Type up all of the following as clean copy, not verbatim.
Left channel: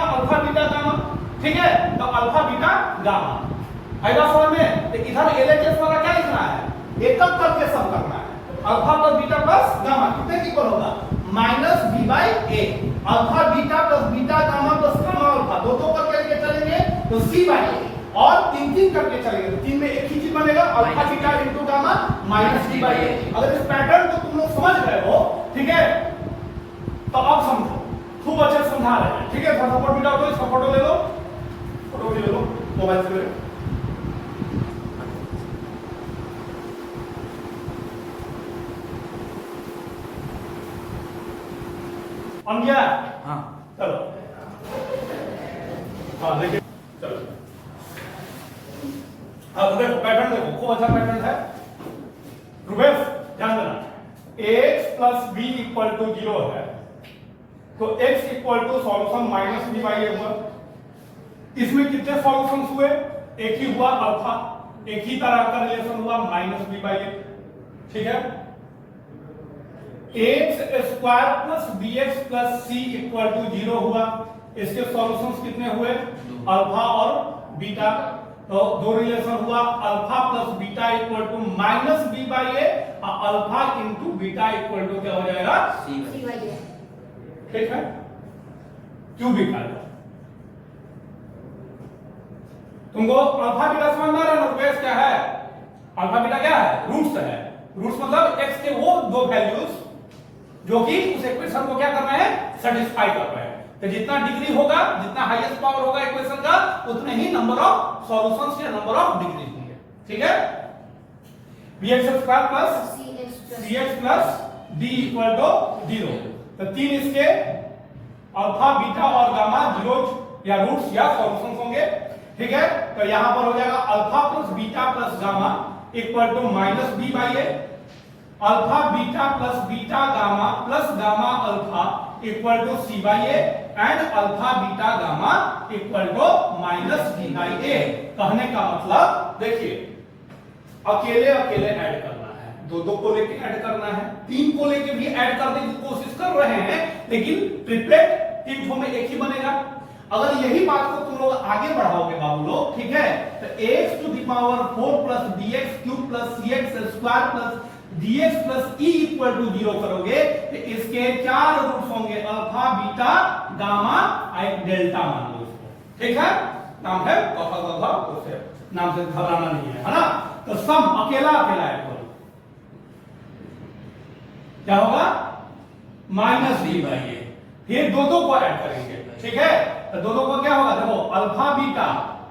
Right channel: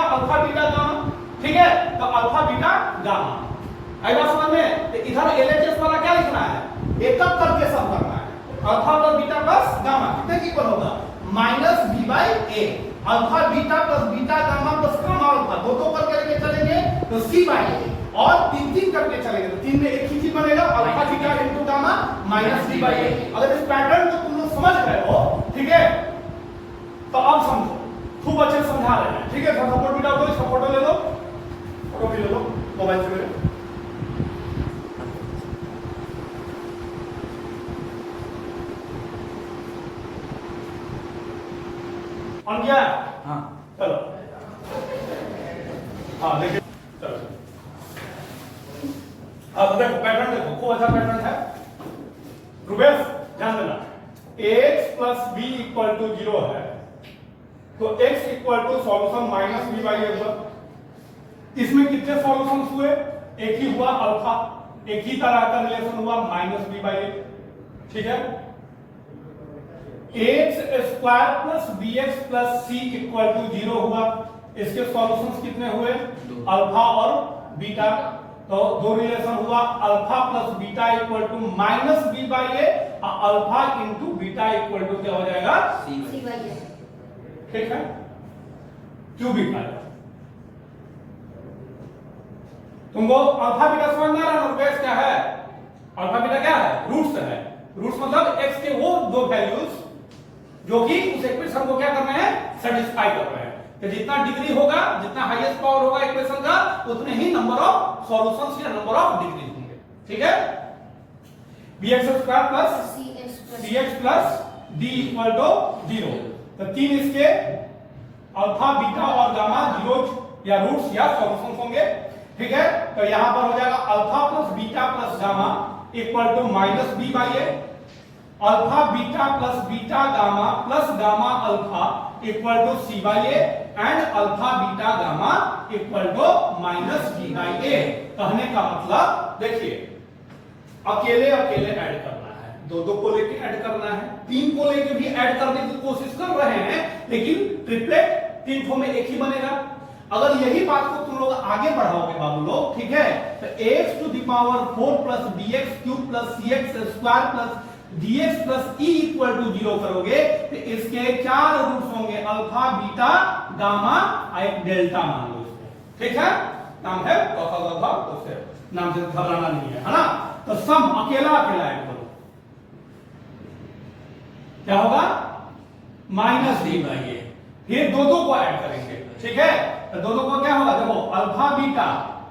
लिखा alpha beta gamma, ठीक है, तो अल्फा बीटा गामा आई बात समझ में। तो इधर एलएचएस वाला क्या लिखना है, एक एक करके सब करना है। Alpha plus beta plus gamma कितने की इक्वल होगा, minus B by A. Alpha beta plus beta gamma plus gamma alpha दो दो करके लेके चलेंगे तो सी बाई ए, और तीन तीन करके चलेंगे तो तीन में एक ही चीज बनेगा, alpha beta into gamma minus B by A. अगर इस पैटर्न को तुम लोग समझ गए हो, ठीक है, तो अब समझो, खूब अच्छे से समझा रहे हैं, ठीक है। सपोर्ट मिला दो, इसका फोटो ले लो, फोटो भी ले लो मोबाइल से। बन गया? हाँ चलो, हाँ देखिए, चलो अब देखो पैटर्न, देखो खूब अच्छा पैटर्न है। रुबेश ध्यान देना, x plus B equal to 0 है, तो x equal to solution minus B by A हुआ। इसमें कितने सॉल्यूशन हुए, एक ही हुआ अल्फा, एक ही तरह का रिलेशन हुआ माइनस बी बाई ए, ठीक है। X square plus B X plus C equal to 0 हुआ। इसके सॉल्यूशंस कितने हुए, अल्फा और बीटा, तो दो रिलेशन हुआ, alpha plus beta equal to minus B by A, alpha into beta equal to क्या हो जाएगा, सी बाई ए, ठीक है। क्यूबिक आएगा। तुमको अल्फा बीटा समझ में आ रहा है, क्या है अल्फा बीटा, क्या है, रूट्स है। रूट्स मतलब एक्स के वो दो वैल्यूज जो कि उस इक्वेशन को क्या करना है, सेटिस्फाई कर रहे हैं। तो जितना डिग्री होगा, जितना हाईएस्ट पावर होगा इक्वेशन का, उतने ही नंबर ऑफ सॉल्यूशंस या नंबर ऑफ डिग्री होंगे, ठीक है। bx square plus cx plus d equal to 0, तो तीन इसके अल्फा बीटा और गामा जीरोज या रूट्स या सॉल्यूशंस होंगे, ठीक है। तो यहां पर हो जाएगा alpha plus beta plus gamma equal to minus B by A, alpha beta plus beta gamma plus gamma alpha equal to C by A, and alpha beta gamma equal to minus B by A. कहने का मतलब देखिए, अकेले अकेले add करना है, दो दो को लेके ऐड करना है, तीन को लेके भी ऐड करने की कोशिश कर रहे हैं, लेकिन ट्रिपलेट तीन ठो में एक ही बनेगा। अगर यही बात को तुम लोग आगे बढ़ाओगे बाबू लोग, ठीक है, तो x to the power 4 plus dx cube plus cx square plus dx plus e equal to 0 करोगे तो इसके चार रूट्स होंगे, अल्फा बीटा गामा एक डेल्टा मान लो इसको, ठीक है। नाम है उसे नाम से घबराना नहीं है ना। तो सम अकेला अकेला ऐड करो, क्या होगा, माइनस बी बाई ए, फिर दो दो को ऐड करेंगे, ठीक है। तो दो दो को क्या होगा, देखो alpha beta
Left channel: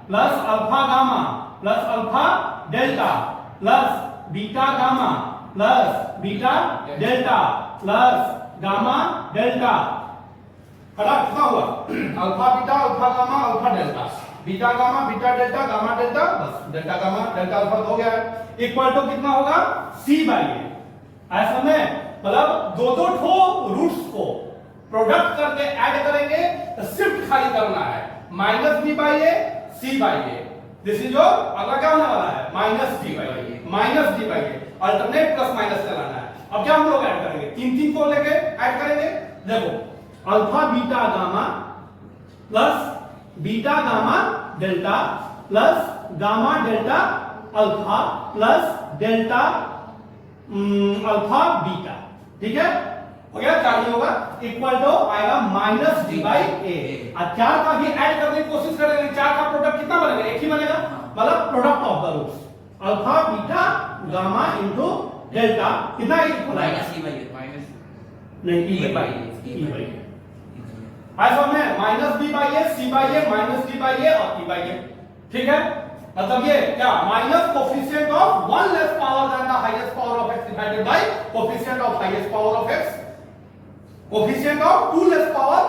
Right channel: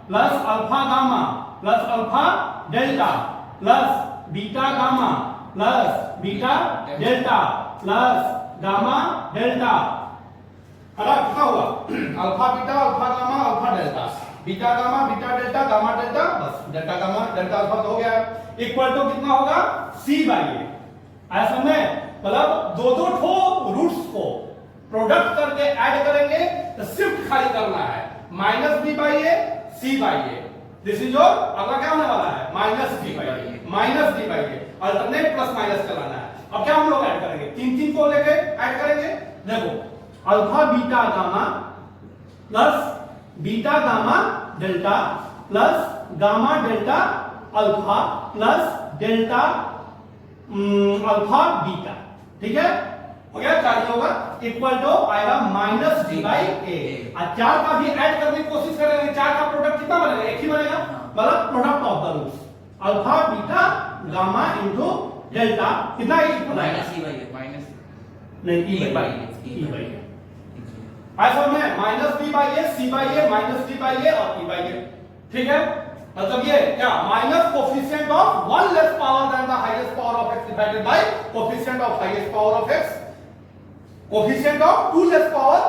plus alpha gamma plus alpha delta plus beta gamma plus beta delta plus gamma delta, कितना हुआ, alpha beta alpha gamma alpha delta, beta gamma beta delta gamma delta, बस डेल्टा गामा डेल्टा अल्फा हो गया, equal to कितना होगा, सी by A. ऐसा में मतलब दो दो ठो रूट्स को प्रोडक्ट करके ऐड करेंगे तो शिफ्ट खाली करना है, minus B by A C by A, this is your अगला क्या होने वाला है, minus D by A, minus D by A, alternate plus minus चलाना है। अब क्या हम लोग ऐड करेंगे, तीन तीन को लेके ऐड करेंगे, देखो alpha beta gamma plus beta gamma delta plus gamma delta alpha plus delta alpha beta, ठीक है, हो गया। चार होगा इक्वल टू आएगा माइनस डी बाई ए, और चार का भी ऐड करने की कोशिश करेंगे, चार का प्रोडक्ट कितना बनेगा, एक ही बनेगा, मतलब product of the roots alpha beta gamma into delta कितना, minus E by A, minus नहीं ई बाई ए, ऐसा में minus B by A C by A minus D by A और ई बाई ए, ठीक है। मतलब ये क्या, minus coefficient of one less power than the highest power of x divided by coefficient of highest power of x, coefficient of two less power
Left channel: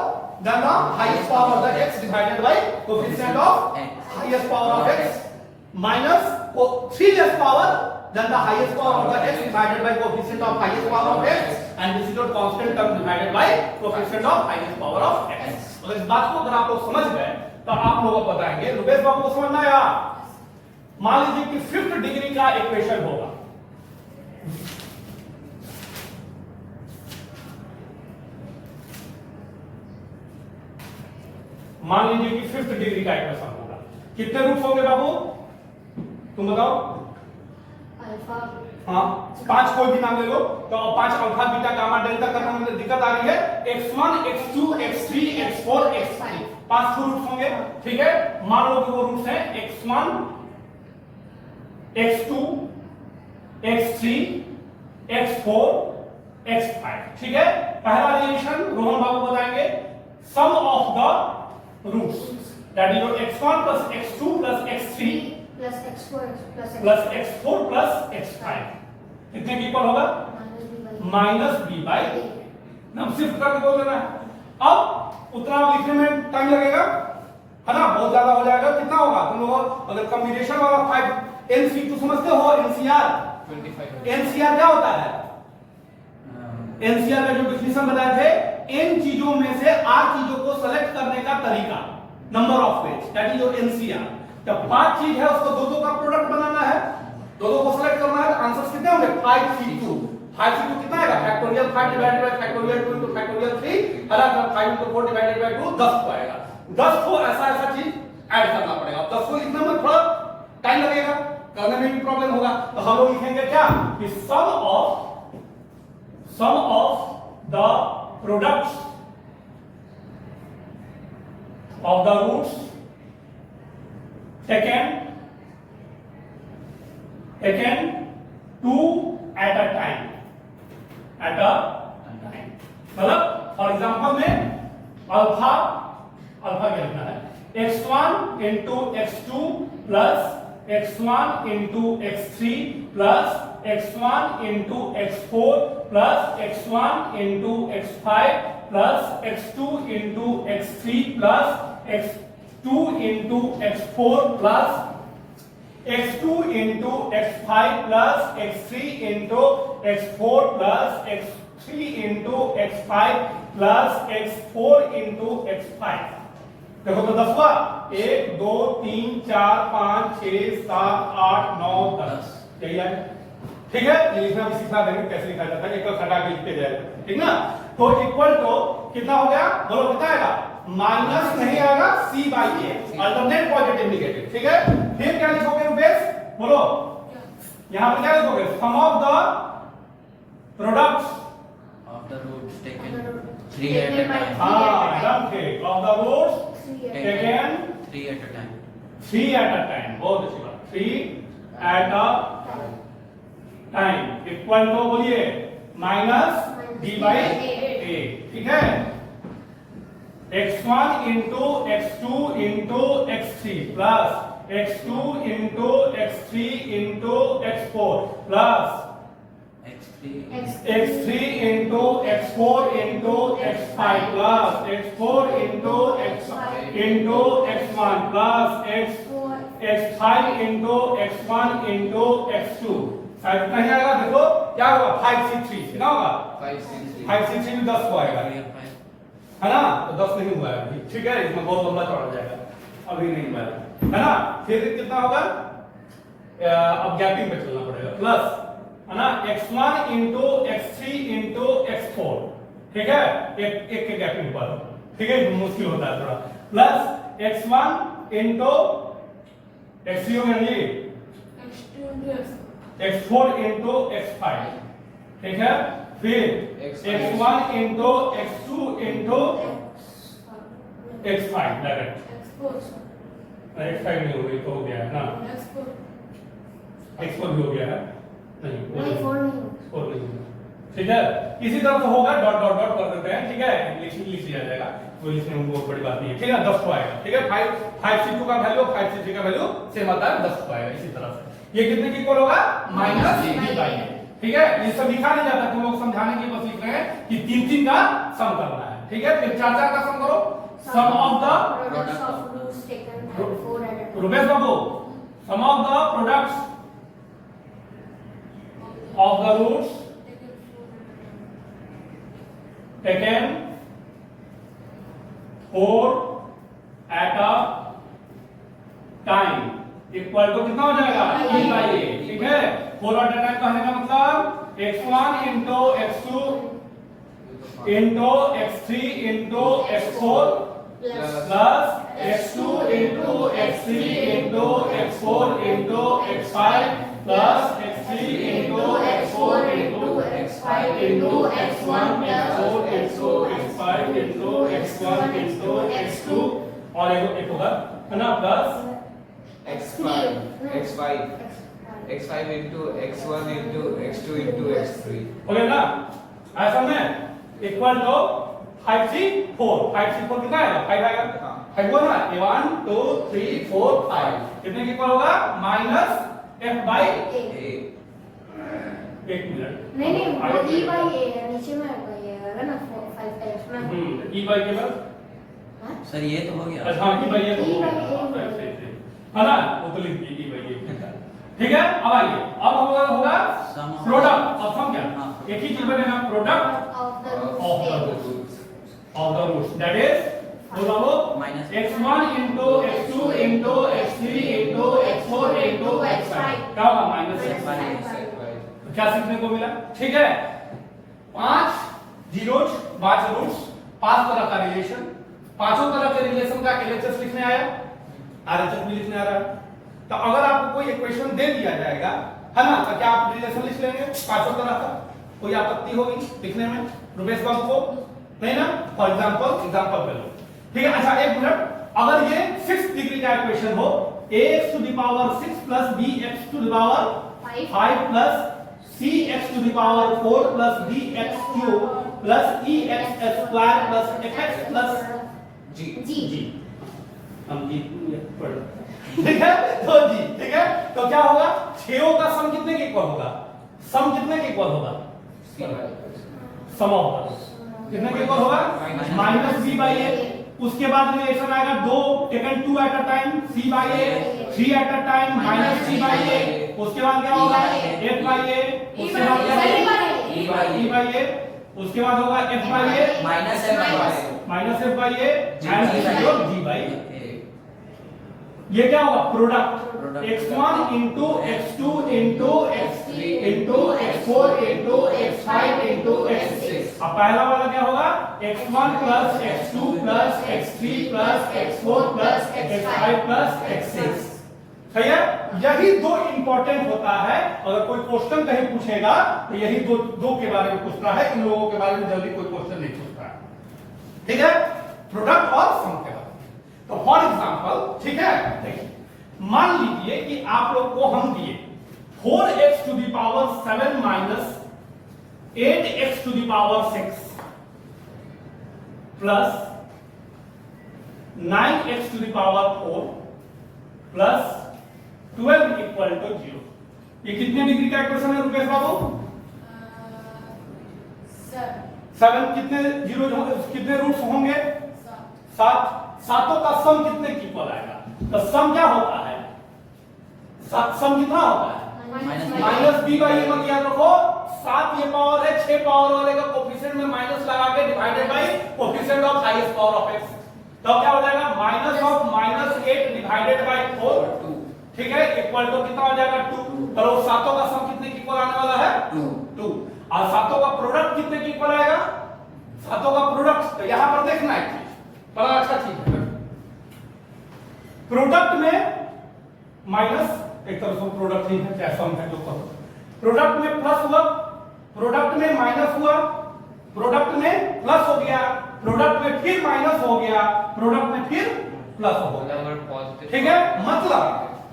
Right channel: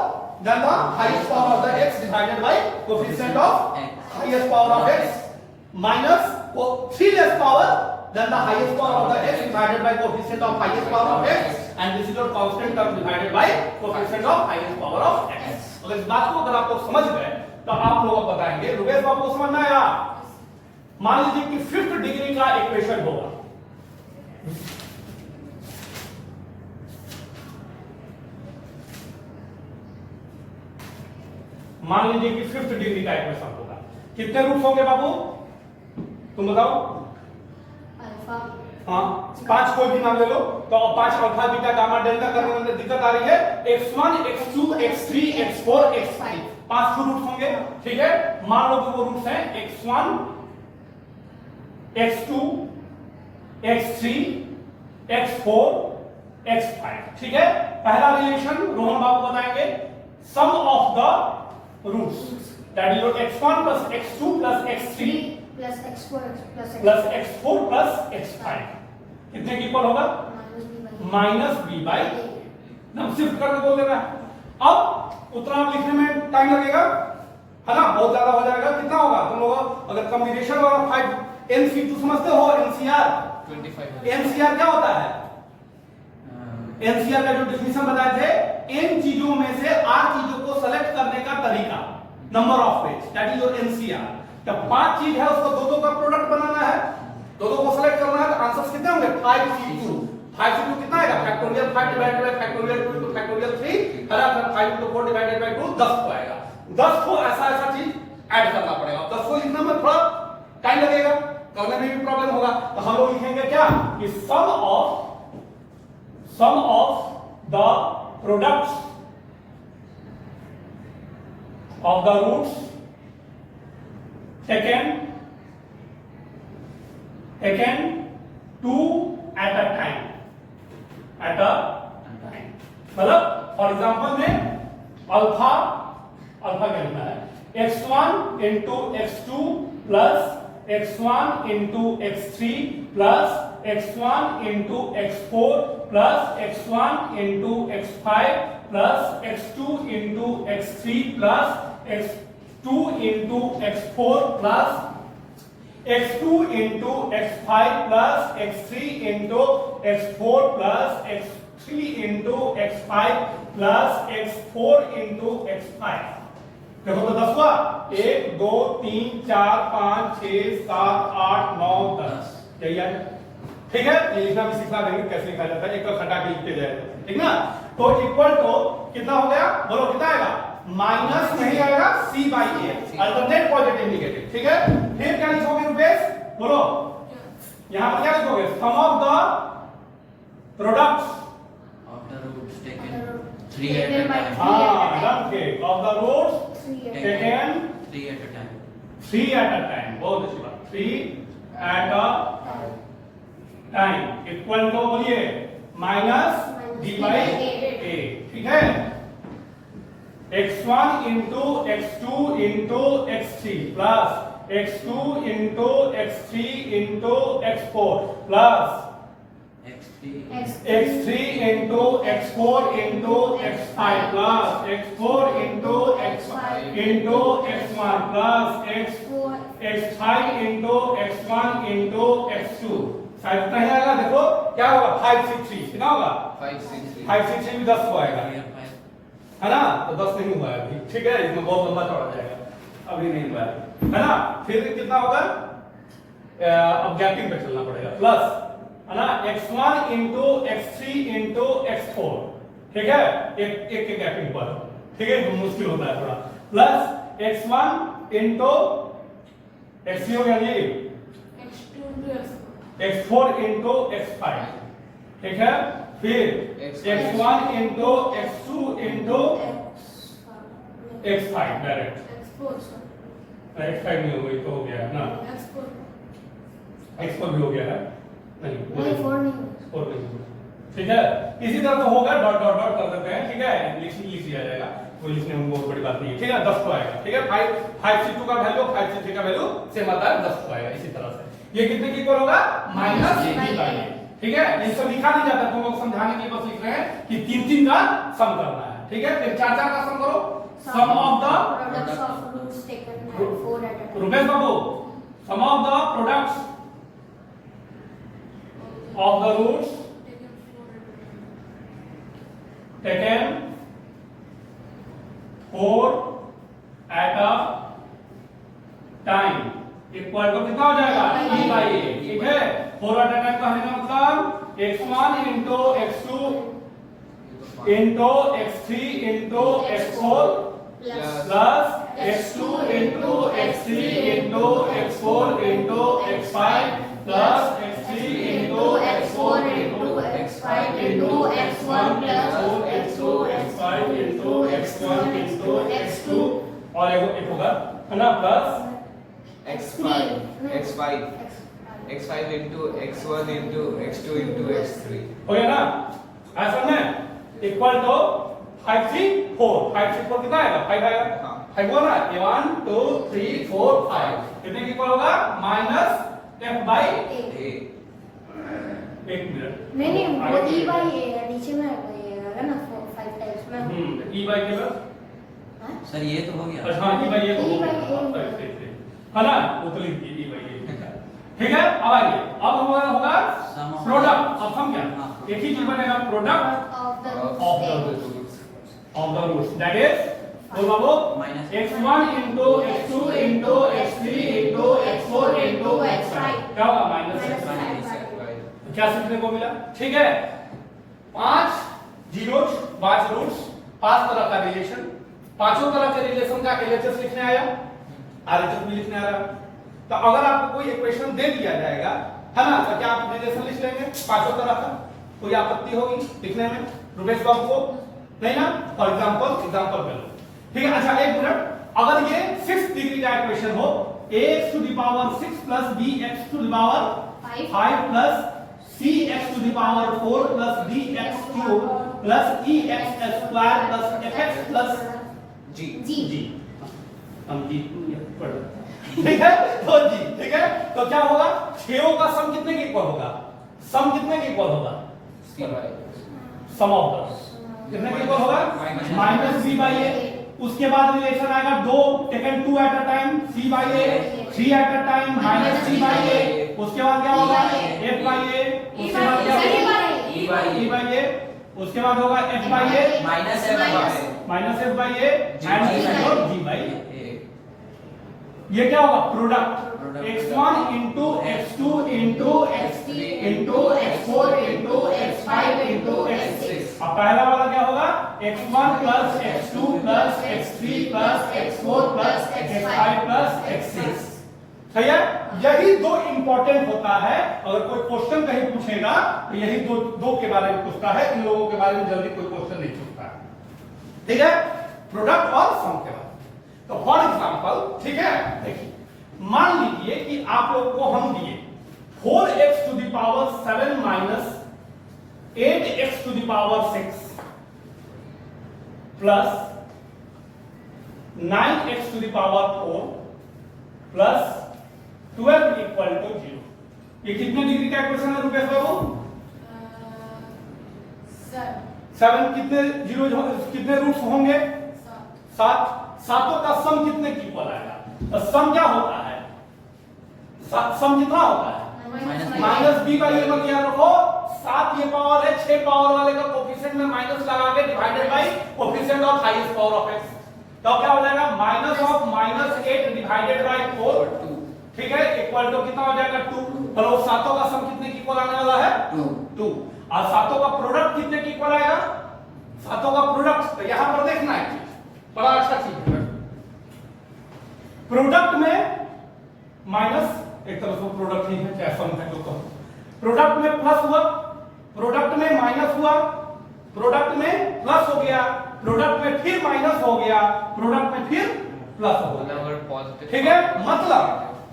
than the highest power of the x divided by coefficient of highest power of x, minus three less power than the highest power of the x divided by coefficient of highest power of x, and this is your constant term divided by coefficient of highest power of x। अगर इस बात को अगर आप लोग समझ गए तो आप लोग बताएंगे, रुपेश बाबू को समझना है। मान लीजिए कि फिफ्थ डिग्री का इक्वेशन होगा, मान लीजिए कि 5th डिग्री का इक्वेशन होगा, कितने रूट्स होंगे बाबू तुम बताओ? अल्फा, हाँ 5 कोई भी नाम ले लो, तो 5 अल्फा बीटा गामा डेल्टा करने में दिक्कत आ रही है, x1 x2 x3 x4 x5 5 roots होंगे, ठीक है। मान लो कि वो रूट्स हैं x1 x2 x3 x4 x5, ठीक है। पहला रिलेशन रोहन बाबू बताएंगे, sum of the roots that is x1 plus x2 plus x3 plus x4 plus x4 plus x5 कितने की इक्वल होगा? माइनस बी बाई हम शिफ्ट करके बोल दे रहे हैं। अब उतना लिखने में टाइम लगेगा, है ना, बहुत ज्यादा हो जाएगा। कितना होगा तुम लोग अगर कॉम्बिनेशन वाला 5 एनसी2 समझते हो? एनसीआर 25 एनसीआर क्या होता है? एनसीआर का जो डिफिनेशन बताए थे, इन चीजों में से 8 चीजों को सेलेक्ट करने का तरीका, number of page, that is your NCR. जब 5 चीज है उसको दो का प्रोडक्ट बनाना है, दो को सेलेक्ट करना है, तो आंसर्स कितने होंगे? 5c2 कितना आएगा? Factorial 5 divided by factorial 2 into factorial 3 हरा 5 into 4 डिवाइडेड बाय 2 10 को आएगा। 10 को ऐसा चीज ऐड करना पड़ेगा। 10 को लिखने में थोड़ा टाइम लगेगा, करने में भी प्रॉब्लम होगा, तो हम लोग लिखेंगे क्या कि sum of the products of the roots taken 2 at a time, मतलब फॉर एग्जांपल में अल्फा क्या लिखना है? x1 into x2 plus x1 into x3 plus x1 into x4 plus x1 into x5 plus x2 into x3 plus x2 into x4 plus x2 into x5 plus x3 into x4 plus x3 into x5 plus x4 into x5। देखो तो 10 हुआ, 1 2 3 4 5 6 7 8 9 10, यही है, ठीक है। ये लिखना भी सिखा देंगे कैसे लिखा जाता है, एक तो खटा के लिख के जाएगा, ठीक ना। तो इक्वल टू कितना हो गया बोलो, कितना आएगा? माइनस नहीं आएगा, c by A, alternate positive negative, ठीक है। फिर क्या लिखोगे रुपेश बोलो? यहां पर क्या लिखोगे? Sum of the products of the roots taken 3 at a time. of the roots taken 3 at a time. 3 at a time, बहुत अच्छी बात, 3 at a time equal to बोलिए माइनस डी बाई ए, ठीक है। x1 into x2 into x3 plus x2 into x3 into x4 plus x3 into x4 into x5 plus x4 into x1 plus x5 into x1 into x2। शायद नहीं आएगा, देखो क्या होगा? 5c3 कितना होगा? 5c3 भी 10 को आएगा, है ना। तो 10 नहीं हुआ है अभी, ठीक है, इसमें बहुत लंबा चौड़ा जाएगा, अभी नहीं हुआ है ना। फिर कितना होगा? अब गैपिंग पे चलना पड़ेगा, प्लस है ना x1 into x3 into x4, ठीक है, एक के गैपिंग पर, ठीक है, मुश्किल होता है थोड़ा। प्लस x1 into x3 हो गया जी, x4 into x5, ठीक है। फिर x1 into x2 into x5 direct, x5 नहीं हो गई तो हो गया है ना, x4 भी हो गया है, नहीं 4 नहीं, ठीक है। इसी तरह तो होगा, डॉट डॉट डॉट कर देते हैं, ठीक है, लिख लिया जाएगा, कोई लिखने में बहुत बड़ी बात नहीं है, ठीक है। 10 को आएगा, ठीक है। 5c2 का वैल्यू 5c3 का वैल्यू सेम आता है, 10 को आएगा। इसी तरह से ये कितने की इक्वल होगा? माइनस b बाई ए, ठीक है। ये सब लिखा नहीं जाता, तुम लोग समझाने के लिए बस लिख रहे हैं कि 3 का सम करना है, ठीक है। फिर 4 का सम करो, sum of the products of roots taken 4 at a time. Rupesh बाबू, sum of the products of the roots taken 4 at a time equal to कितना हो जाएगा? e by a, ठीक है। 4 at a time कहने का मतलब x1 into x2 into x3 into x4 plus x2 into x3 into x4 into x5 plus x3 into x4 into x5 into x1 x4 x2 x5 into x1 into x2 और एक होगा है ना plus x5 into x1 into x2 into x3 हो गया ना ऐसा में इक्वल टू 5 3 4 5 3 4 कितना आएगा 5 आएगा हाँ। 5 हुआ ना 1 2 3 4 5 कितने की इक्वल होगा माइनस f by a एक मिनट नहीं वो e by a है नीचे में है ना 5 टाइम्स में e by के बाद हाँ? सर ये तो हो गया अच्छा हाँ e by a E by a। है ना वो तो लिख दिए e by a ठीक है अब आइए अब होगा Sum of- प्रोडक्ट अब सम क्या हाँ। एक ही चीज बनेगा product of the of the state. roots of the roots that is बोलो Minus x1 into x2 into x3 into x4 into x5 क्या होगा माइनस Minus x5 5. तो क्या सीखने को मिला ठीक है 5 जीरोस 5 रूट्स 5 तरह का रिलेशन पांचों तरह के रिलेशन का एलएचएस लिखने आया आरएचएस भी लिखने आ रहा है तो अगर आपको कोई इक्वेशन दे दिया जाएगा है ना तो क्या आप रिलेशन लिख लेंगे पांचों तरह का कोई आपत्ति होगी लिखने में रुपेश बाबू को नहीं ना फॉर एग्जांपल कर लो ठीक है अच्छा एक मिनट अगर ये 6 डिग्री का इक्वेशन हो ax to the power 6 plus bx to the power 5 plus cx to the power 4 plus bx cube plus ex square plus fx plus g जी हम जी पढ़ ठीक है तो जी ठीक है तो क्या होगा छेओं का सम कितने के इक्वल होगा सम कितने के इक्वल होगा सम ऑफ द कितने के इक्वल होगा माइनस b बाई a उसके बाद रिलेशन आएगा दो taken 2 at a time c by a 3 at a time minus c by a उसके बाद क्या होगा f बाई a उसके बाद क्या होगा e by e by a उसके बाद होगा f by a minus f by minus f by a and G by A। g by a ये क्या होगा product Product। x1 into x2 into x3 into x4 into x5 into x6 अब पहला वाला क्या होगा x1 plus x2 plus x3 plus x4 plus x5 plus x6 सही है यही दो इंपॉर्टेंट होता है अगर कोई क्वेश्चन कहीं पूछेगा तो यही दो के बारे में पूछता है इन लोगों के बारे में जल्दी कोई क्वेश्चन नहीं पूछता है ठीक है प्रोडक्ट और सम के बारे में तो फॉर एग्जांपल ठीक है देखिए मान लीजिए कि आप लोग को हम दिए 4x to the power 7 minus 8x to the power 6 plus 9x to the power 4 plus 12 equal to 0 ये कितने डिग्री का इक्वेशन है रुपेश बाबू सर 7 कितने जीरो कितने रूट्स होंगे 7 सातों का सम कितने की इक्वल आएगा तो सम क्या होता है सम कितना होता है माइनस बी बाई ए को याद रखो 7 ये पावर है 6 पावर वाले का कोफिशिएंट में माइनस लगा के divided by coefficient of highest power of x तो क्या हो जाएगा माइनस ऑफ -8 डिवाइडेड बाय 4 ठीक है इक्वल टू कितना हो जाएगा 2 पर वो सातों का सम कितने की इक्वल आने वाला है 2 और सातों का प्रोडक्ट कितने की इक्वल आएगा सातों का प्रोडक्ट तो यहां पर देखना है चीज बड़ा अच्छा चीज है प्रोडक्ट में माइनस एक तरह से प्रोडक्ट नहीं है क्या सम है उसको प्रोडक्ट में प्लस हुआ प्रोडक्ट में माइनस हुआ प्रोडक्ट में प्लस हो गया प्रोडक्ट में फिर माइनस हो गया प्रोडक्ट में फिर प्लस हो गया ठीक है मतलब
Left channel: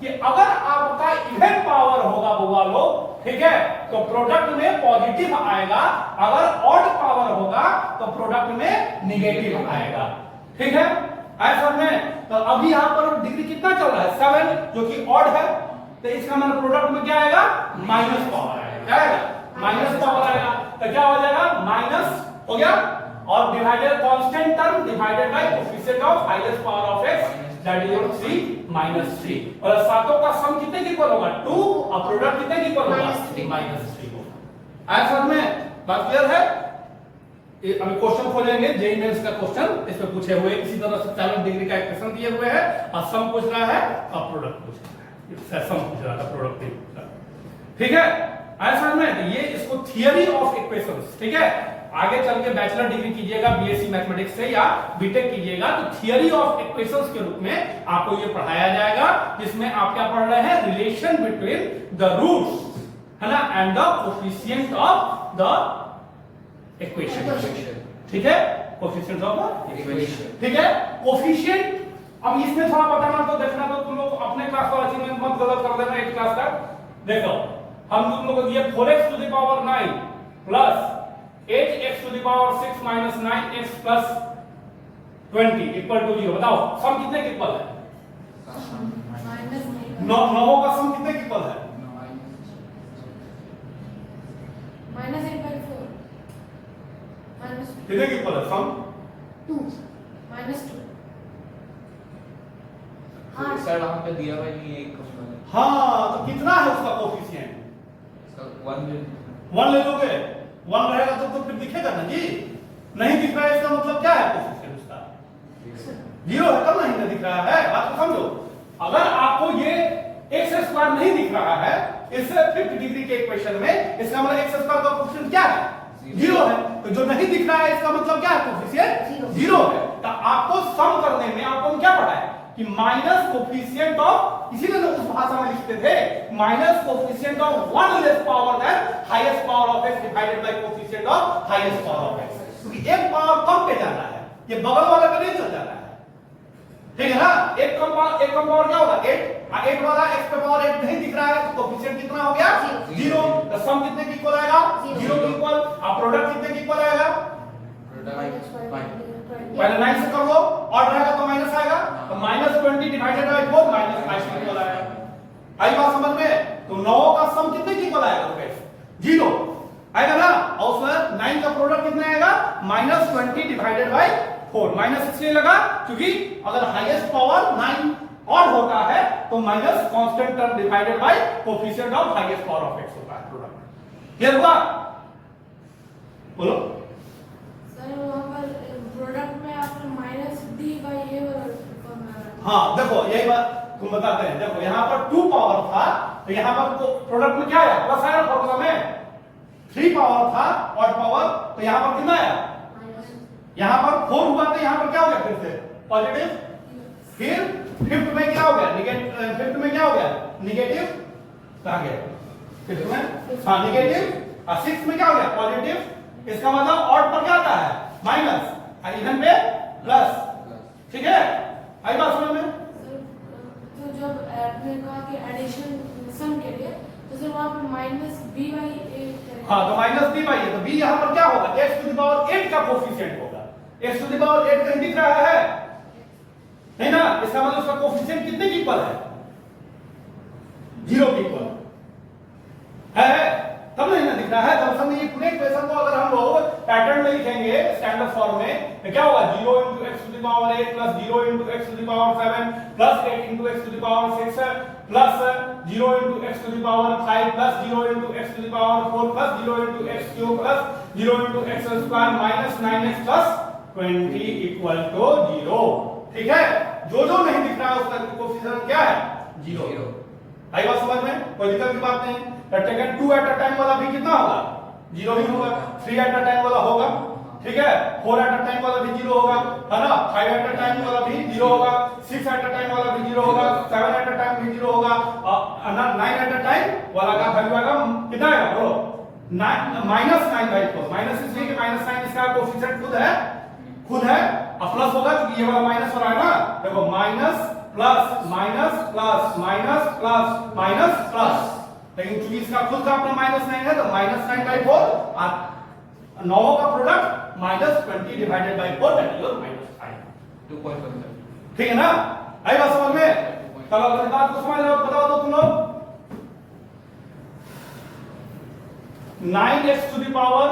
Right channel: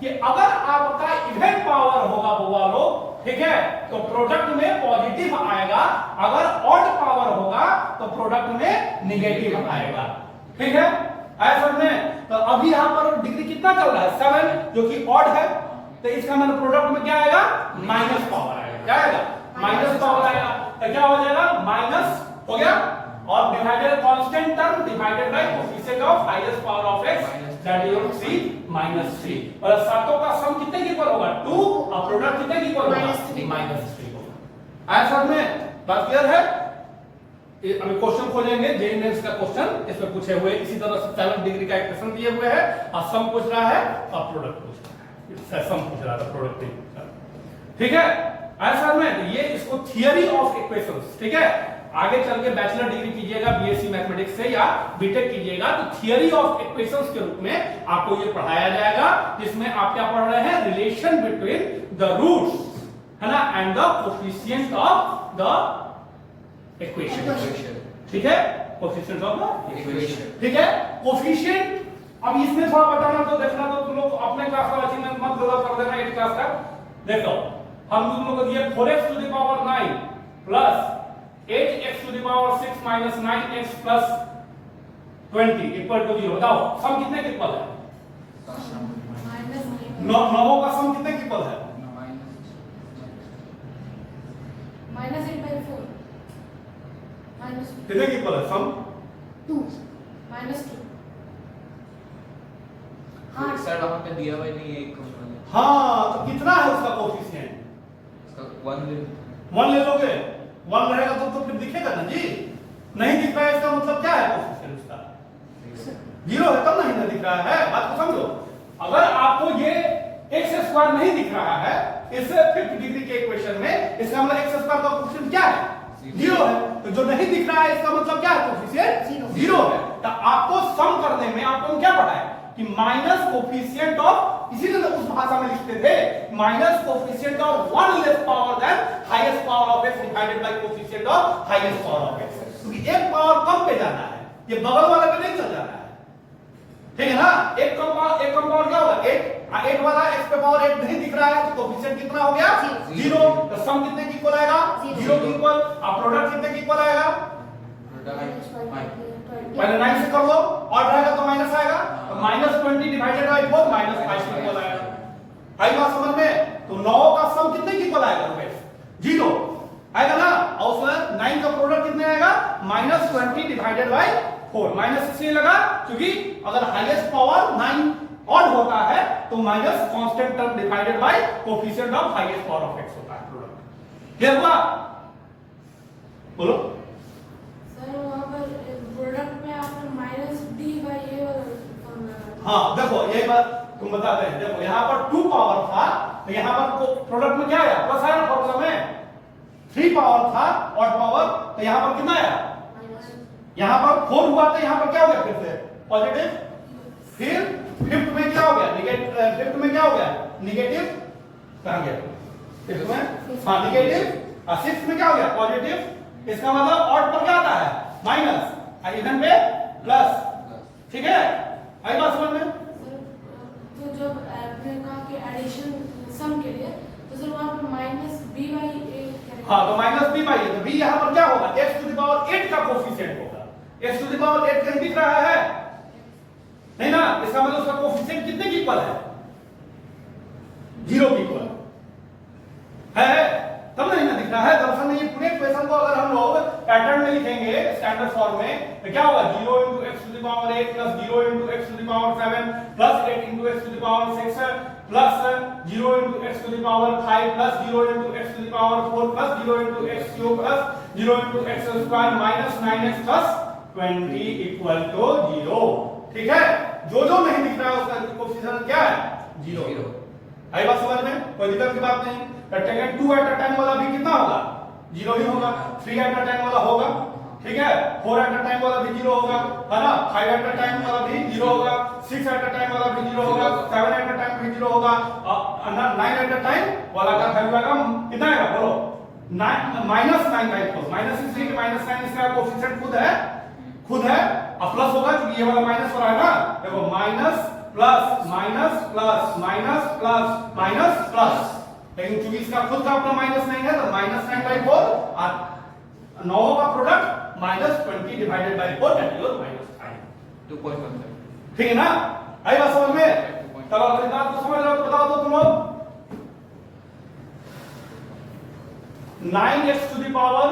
कि अगर आपका इवन पावर होगा बुआ लोग ठीक है तो प्रोडक्ट में पॉजिटिव आएगा अगर ऑड पावर होगा तो प्रोडक्ट में निगेटिव आएगा ठीक है ऐसा में तो अभी यहां पर डिग्री कितना चल रहा है 7 जो कि ऑड है तो इसका मतलब प्रोडक्ट में क्या आएगा माइनस पावर आएगा क्या आएगा माइनस पावर आएगा तो क्या हो जाएगा माइनस हो गया और divided constant term divided by coefficient of highest power of x that is 3 -3 और सातों का सम कितने की इक्वल होगा 2 और प्रोडक्ट कितने की इक्वल होगा -3 होगा ऐसा में बात क्लियर है अभी क्वेश्चन खोलेंगे जेई मेंस का क्वेश्चन इसमें पूछे हुए इसी तरह से 7 डिग्री का इक्वेशन दिए हुए है और सम पूछ रहा है और प्रोडक्ट पूछ रहा है सम पूछ रहा था प्रोडक्ट नहीं पूछ रहा ठीक है ऐसा में ये इसको थियरी ऑफ इक्वेशंस ठीक है आगे चल के बैचलर डिग्री कीजिएगा बीएससी मैथमेटिक्स से या बीटेक कीजिएगा तो थियरी ऑफ इक्वेशंस के रूप में आपको ये पढ़ाया जाएगा, जिसमें आप क्या पढ़ रहे हैं, रिलेशन बिटवीन द रूट्स, है ना, and the coefficient of the equation. ठीक है, कोफिशिएंट ऑफ इक्वेशन। ठीक है, कोफिशिएंट। अब इसमें थोड़ा बताना तो देखना तो तुम लोग अपने क्लास वाला चीज में मत गलत कर देना। एक क्लास का देखो, हम तुम लोग को दिया 4x to the power 9 plus 8x to the power 6 minus 9x plus 20 equal to 0। बताओ सम कितने के इक्वल है? नौ का सम कितने के इक्वल है? -8/4 कितने के इक्वल है सम? 2 -2। हाँ सर वहां पे दिया हुआ नहीं है क्वेश्चन में। हाँ, तो कितना है उसका कोफिशिएंट? सर 1 1 ले लोगे, 1 रहेगा तो फिर दिखेगा ना जी। नहीं दिख रहा है इसका मतलब क्या है कोफिशिएंट उसका? 0 है तब नहीं दिख रहा है। बात को समझो, अगर आपको ये x² नहीं दिख रहा है इस 5th डिग्री के इक्वेशन में, इसका मतलब x² का कोफिशिएंट क्या है? 0 है। तो जो नहीं दिख रहा है इसका मतलब क्या है? कोफिशिएंट 0 है। तो आपको सम करने में आपको क्या पढ़ा है कि माइनस कोफिशिएंट ऑफ, इसीलिए तो उस भाषा में लिखते थे, minus coefficient of 1 less power then highest power of x divided by coefficient of highest power of x। क्योंकि एक पावर कम पे जाना है, ये बगल वाला पे नहीं चल जाना है। ठीक है ना, एक कम पावर क्या होगा? 8 वाला x पे पावर 8 नहीं दिख रहा है तो कोफिशिएंट कितना हो गया? 0। तो सम कितने की इक्वल आएगा? 0 के इक्वल। अब प्रोडक्ट कितने की इक्वल आएगा? पहले 9 से कर लो, और रहेगा तो माइनस आएगा, तो -20 डिवाइडेड बाय 4 -5 के इक्वल आएगा। आई बात समझ में? तो 9 का सम कितने के इक्वल आएगा? 0 आएगा ना। और उसमें 9 का प्रोडक्ट कितने आएगा? -20 डिवाइडेड बाय 4। माइनस इसलिए लगा क्योंकि अगर हाईएस्ट पावर 9 ऑड होता है तो minus constant term divided by coefficient of highest power of x होता है प्रोडक्ट। क्लियर हुआ? बोलो सर वहाँ पर प्रोडक्ट में आपने -d/a हाँ, देखो यही बात तुम बताते हैं। देखो यहाँ पर 2 पावर था तो यहाँ पर प्रोडक्ट में क्या आया? प्लस आया फॉर्मूला में। 3 पावर था ऑड पावर, तो यहाँ पर कितना आया? यहाँ पर 4 हुआ तो यहाँ पर क्या हो गया? फिर से पॉजिटिव। फिर 5th में क्या हो गया? निगेटिव। 5th में क्या हो गया? निगेटिव। कहाँ गया? 5th में हाँ निगेटिव। और 6th में क्या हो गया? पॉजिटिव। इसका मतलब ऑड पर क्या आता है? माइनस, और इवन पे प्लस। ठीक है, आई बात समझ में? तो जब आपने कहा कि एडिशन सम के लिए तो सर वहाँ पर -b/a हाँ, तो -b/a, तो b यहाँ पर क्या होगा? x टू द पावर 8 का कोफिशिएंट होगा। x टू द पावर 8 कहीं दिख रहा है? नहीं ना। इसका मतलब उसका कोफिशिएंट कितने की इक्वल है? 0 की इक्वल है, तब नहीं ना दिख रहा है। दरअसल में ये पूरे इक्वेशन को अगर हम लोग पैटर्न में लिखेंगे स्टैंडर्ड फॉर्म में तो क्या होगा? 0 into x to the power 8 plus 0 into x to the power 7 plus 8 into x to the power 6 plus 0 into x to the power 5 plus 0 into x to the power 4 plus 0 into x cube plus 0 into x square minus 9x plus 20 equal to 0। ठीक है, जो नहीं दिख रहा है उसका coefficient क्या है? 0। आई बात समझ में? कोई दिक्कत की बात नहीं। टेकन 2 एट अ टाइम वाला भी कितना होगा? 0 ही होगा। 3 एट अ टाइम वाला होगा, ठीक है। 4 एट अ टाइम वाला भी 0 होगा, है ना। 5 एट अ टाइम वाला भी 0 होगा, 6 एट अ टाइम वाला भी 0 होगा, 7 एट अ टाइम भी 0 होगा, और 9 एट अ टाइम वाला का वैल्यू आएगा कितना आएगा? बोलो -9/4। माइनस इसलिए कि -9 इसका कोफिशिएंट खुद है और प्लस होगा क्योंकि ये वाला माइनस हो रहा है ना। देखो minus plus minus plus minus plus minus plus, लेकिन चूंकि इसका खुद का अपना -9 है तो -9/4 और 9 का product -20 divided by 4 that is -5। 2.1। ठीक है ना? आई बात समझ में? चलो अगर बात को समझ लो बताओ तो तुम लोग 9x to the power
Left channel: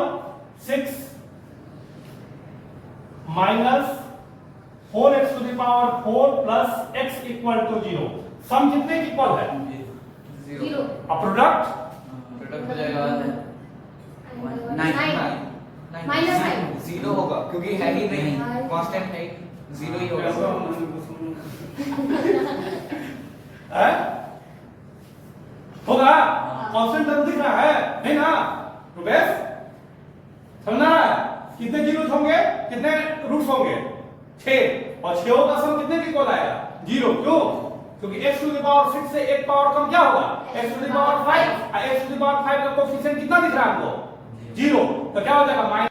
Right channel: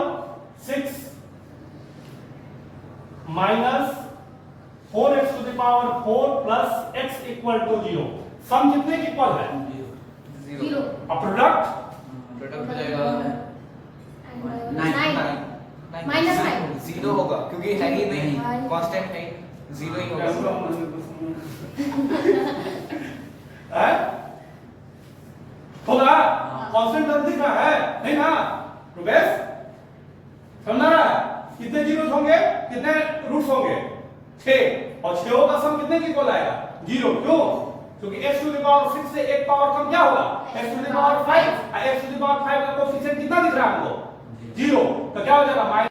6 minus 4x to the power 4 plus x equal to 0। सम कितने की इक्वल है? 0। अब प्रोडक्ट प्रोडक्ट हो जाएगा -9 0 होगा क्योंकि है ही नहीं, कांस्टेंट है, 0 ही होगा। है? होगा? कांस्टेंट दिख रहा है नहीं ना? रुपेश समझ रहा है? कितने जीरो होंगे, कितने रूट्स होंगे, 6, और 6 का सम कितने के इक्वल आएगा, 0। क्यों? क्योंकि x टू द पावर 6 से एक पावर कम क्या होगा, x to the power 5, x to the power 5 का कोएफिशिएंट कितना दिख रहा है हमको, 0। तो क्या हो जाएगा